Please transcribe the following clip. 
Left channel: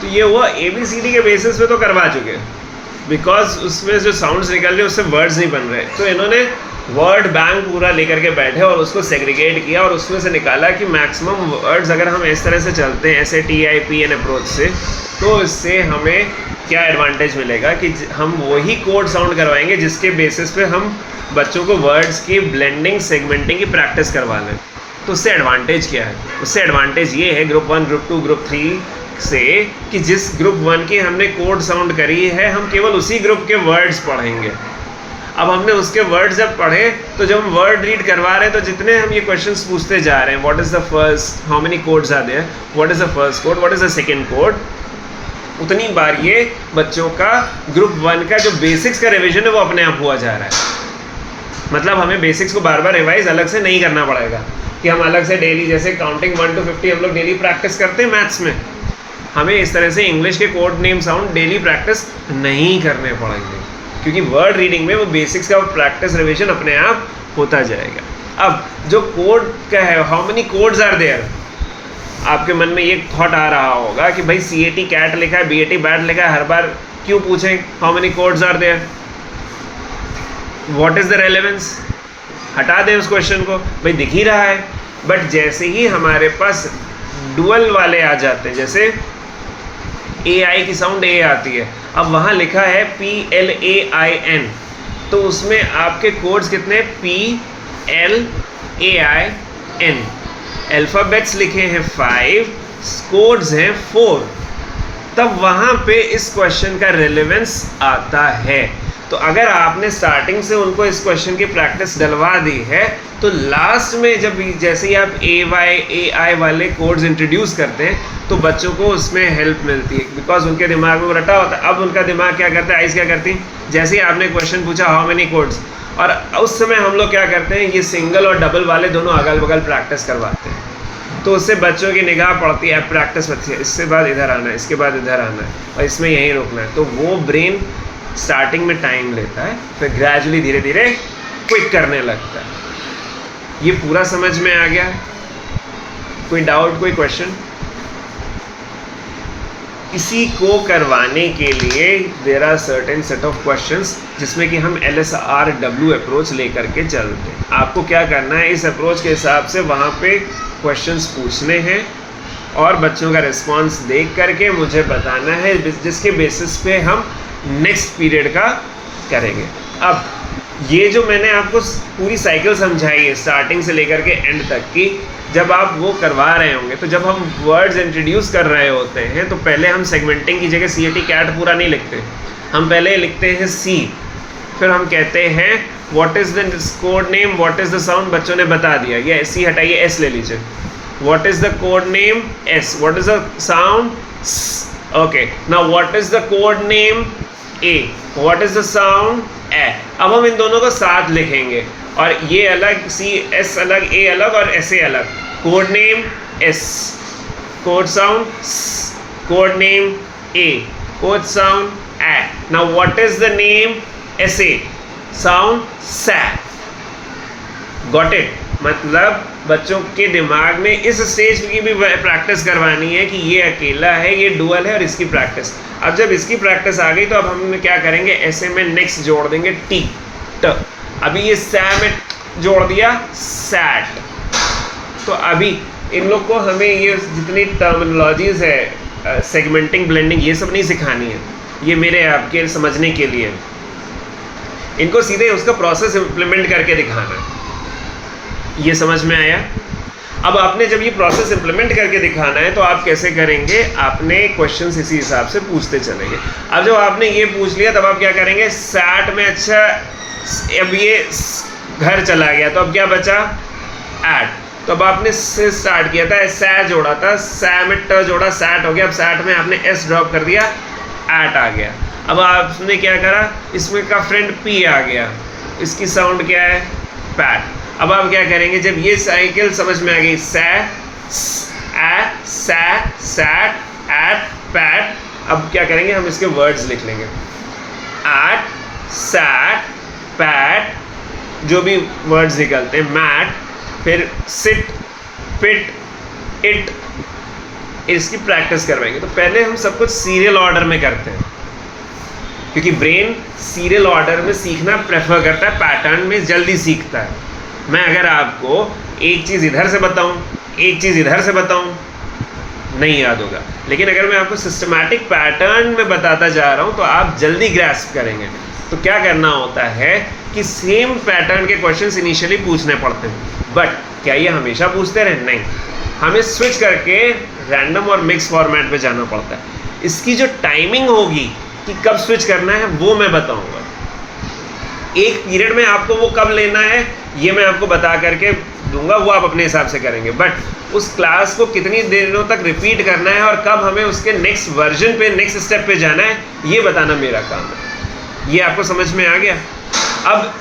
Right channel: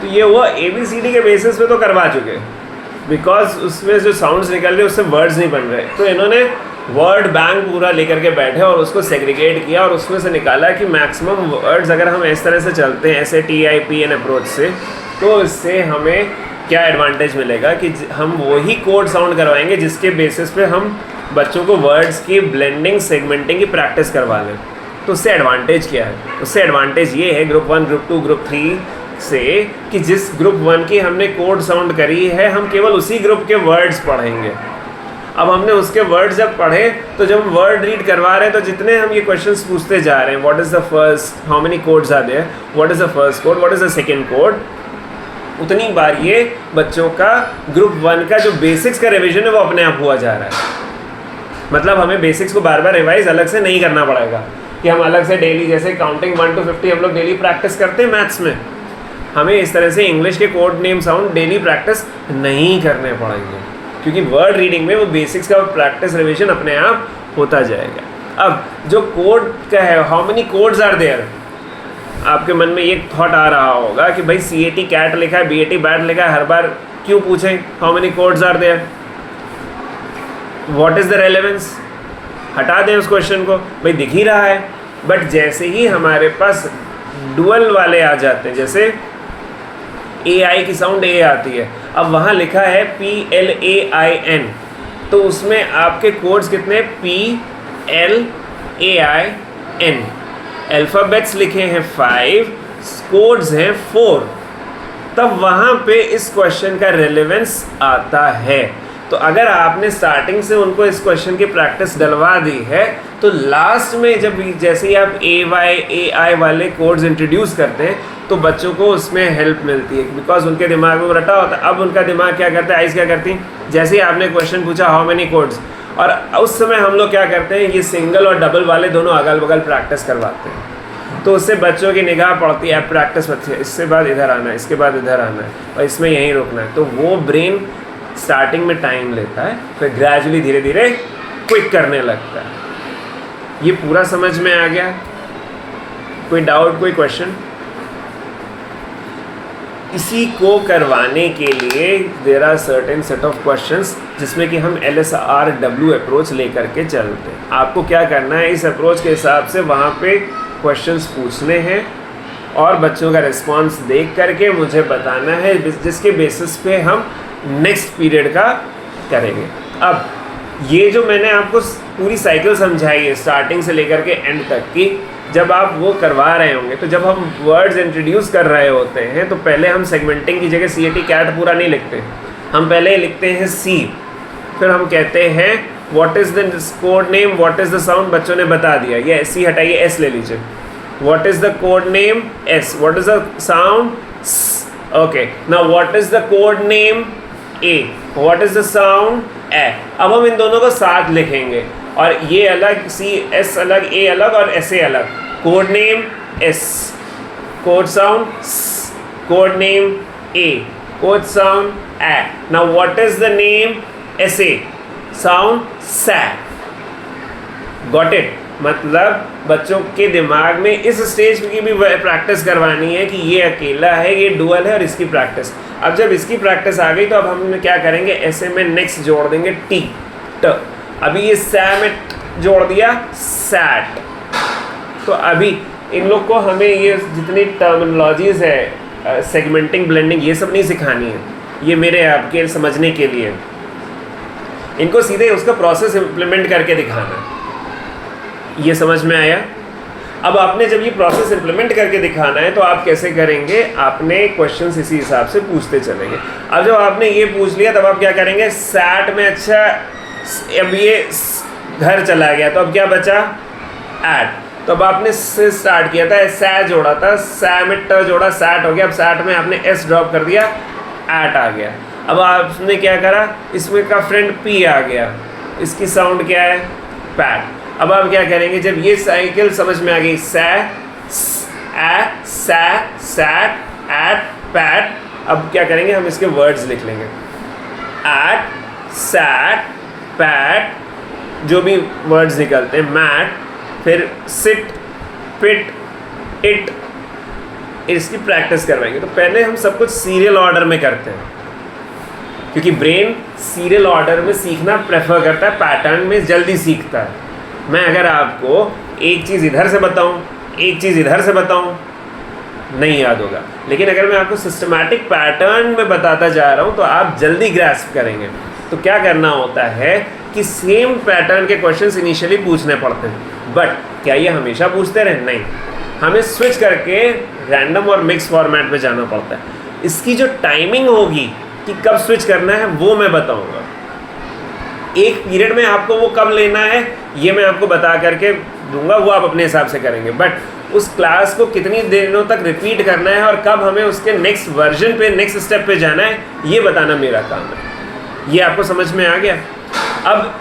तो ये हुआ ABCD के बेसिस पे तो करवा चुके, बिकॉज उसमें जो साउंड्स निकल रहे उससे वर्ड्स नहीं बन रहे। तो इन्होंने वर्ड बैंक पूरा लेकर के बैठे और उसको सेग्रीगेट किया और उसमें से निकाला कि मैक्सिमम वर्ड्स अगर हम इस तरह से चलते हैं SATIPN अप्रोच से, तो इससे हमें क्या एडवांटेज मिलेगा कि हम वही कोड साउंड करवाएंगे जिसके बेसिस पे हम बच्चों को वर्ड्स की ब्लेंडिंग सेगमेंटिंग की प्रैक्टिस करवा लें। तो उससे एडवांटेज क्या है? उससे एडवांटेज ये है ग्रुप 1, ग्रुप 2, ग्रुप 3 से कि जिस ग्रुप 1 की हमने कोड साउंड करी है हम केवल उसी ग्रुप के वर्ड्स पढ़ेंगे। अब हमने उसके वर्ड्स जब पढ़े तो जब हम वर्ड रीड करवा रहे हैं तो जितने हम ये क्वेश्चंस पूछते जा रहे हैं, what is the first, how many codes are there, what is the first code, what is the second code, उतनी बार ये बच्चों का ग्रुप 1 का जो बेसिक्स का रिवीजन है वो अपने आप हुआ जा रहा है। मतलब हमें बेसिक्स को बार बार रिवाइज अलग से नहीं करना पड़ेगा कि हम अलग से डेली जैसे काउंटिंग 1 to 50 हम लोग डेली प्रैक्टिस करते हैं मैथ्स में, हमें इस तरह से इंग्लिश के code name sound daily practice नहीं करने पड़ेंगे, क्योंकि वर्ड रीडिंग में वो बेसिक्स का प्रैक्टिस रिवीजन अपने आप होता जाएगा। अब जो कोड का है, how many codes are there, आपके मन में ये थॉट आ रहा होगा कि भाई CAT कैट लिखा है, BAT बैट लिखा है, हर बार क्यों पूछें how many codes are there, what is the relevance, हटा दें उस क्वेश्चन को, भाई दिख ही रहा है। बट जैसे ही हमारे पास डुअल वाले आ जाते हैं, जैसे AI की साउंड A आती है, अब वहाँ लिखा है PLAIN, तो उसमें आपके कोड्स कितने, PLAIN, अल्फ़ाबेट्स लिखे हैं 5, कोड्स हैं 4, तब वहाँ पे इस क्वेश्चन का रेलेवेंस आता है। तो अगर आपने स्टार्टिंग से उनको इस क्वेश्चन की प्रैक्टिस डलवा दी है तो लास्ट में जब जैसे ही आप AI वाले कोड्स इंट्रोड्यूस करते हैं तो बच्चों को उसमें हेल्प मिलती है, बिकॉज उनके दिमाग में वो रटा होता है। अब उनका दिमाग क्या करता है, आइज़ क्या करती हैं, जैसे ही आपने क्वेश्चन पूछा हाउ मेनी कोड्स, और उस समय हम लोग क्या करते हैं, ये सिंगल और डबल वाले दोनों अगल बगल प्रैक्टिस करवाते हैं, तो उससे बच्चों की निगाह पड़ती है, प्रैक्टिस होती है, इसके बाद इधर आना है, इसके बाद इधर आना है और इसमें यहीं रुकना है। तो वो ब्रेन स्टार्टिंग में टाइम लेता है, फिर ग्रेजुअली धीरे धीरे क्विक करने लगता है। ये पूरा समझ में आ गया? कोई डाउट, कोई क्वेश्चन? इसी को करवाने के लिए there are certain set of questions जिसमें कि हम LSRW अप्रोच लेकर के चलते हैं। आपको क्या करना है, इस अप्रोच के हिसाब से वहाँ पे क्वेश्चंस पूछने हैं और बच्चों का रिस्पांस देख करके मुझे बताना है, जिसके बेसिस पे हम नेक्स्ट पीरियड का करेंगे। अब ये जो मैंने आपको पूरी साइकिल समझाई है स्टार्टिंग से लेकर के एंड तक की, जब आप वो करवा रहे होंगे तो जब हम वर्ड्स इंट्रोड्यूस कर रहे होते हैं तो पहले हम सेगमेंटिंग की जगह CAT कैट पूरा नहीं लिखते, हम पहले लिखते हैं C, फिर हम कहते हैं what is the code name, what is the sound, बच्चों ने बता दिया, ये C हटाइए, S ले लीजिए, what is the code name S, what is the sound okay, now what is the code name A, what is the sound A। अब हम इन दोनों को साथ लिखेंगे और ये अलग CS अलग, A अलग और SA अलग, code name S, code sound S, code name A, code sound A। Now what is the name SA, sound SA। Got it? मतलब बच्चों के दिमाग में इस स्टेज की भी प्रैक्टिस करवानी है कि ये अकेला है, ये डुअल है और इसकी प्रैक्टिस। अब जब इसकी प्रैक्टिस आ गई तो अब हम क्या करेंगे, ऐसे में नेक्स्ट जोड़ देंगे T, T। अभी ये सै में जोड़ दिया सैट। तो अभी इन लोग को हमें ये जितनी टर्मिनोलॉजीज़ है, सेगमेंटिंग, ब्लेंडिंग, ये सब नहीं सिखानी है, ये मेरे आपके समझने के लिए। इनको सीधे उसका प्रोसेस इम्प्लीमेंट करके दिखाना है। ये समझ में आया? अब आपने जब ये प्रोसेस इम्प्लीमेंट करके दिखाना है तो आप कैसे करेंगे, आपने क्वेश्चंस इसी हिसाब से पूछते चलेंगे। अब जब आपने ये पूछ लिया तब आप क्या करेंगे, सैट में अच्छा अब ये घर चला गया तो अब क्या बचा, ऐट। तो अब आपने से स्टार्ट किया था, सै जोड़ा था, सै में ट जोड़ा, सैट हो गया। अब सैट में आपने S ड्रॉप कर दिया, ऐट आ गया। अब आपने क्या करा, इसमें का फ्रेंड P आ गया, इसकी साउंड क्या है, पैट। अब आप क्या करेंगे, जब ये साइकिल समझ में आ गई, सै, ऐ, सै, सैट, ऐट, पैट, अब क्या करेंगे, हम इसके वर्ड्स लिख लेंगे, ऐट, सैट, पैट, जो भी वर्ड्स निकलते हैं, मैट, फिर सिट, पिट, इट, इसकी प्रैक्टिस करवाएंगे। तो पहले हम सब कुछ सीरियल ऑर्डर में करते हैं, क्योंकि ब्रेन सीरियल ऑर्डर में सीखना प्रेफर करता है, पैटर्न में जल्दी सीखता है। मैं अगर आपको एक चीज़ इधर से बताऊं, एक चीज़ इधर से बताऊं, नहीं याद होगा। लेकिन अगर मैं आपको सिस्टमैटिक पैटर्न में बताता जा रहा हूं तो आप जल्दी ग्रैस्प करेंगे। तो क्या करना होता है कि सेम पैटर्न के क्वेश्चंस इनिशियली पूछने पड़ते हैं, बट क्या ये हमेशा पूछते रहे? नहीं, हमें स्विच करके रैंडम और मिक्स फॉर्मेट पे जाना पड़ता है। इसकी जो टाइमिंग होगी कि कब स्विच करना है वो मैं बताऊंगा। एक पीरियड में आपको वो कब लेना है ये मैं आपको बता करके दूंगा, वो आप अपने हिसाब से करेंगे। बट उस क्लास को कितनी दिनों तक रिपीट करना है और कब हमें उसके नेक्स्ट वर्जन पे, नेक्स्ट स्टेप पे जाना है, ये बताना मेरा काम है। ये आपको समझ में आ गया? अब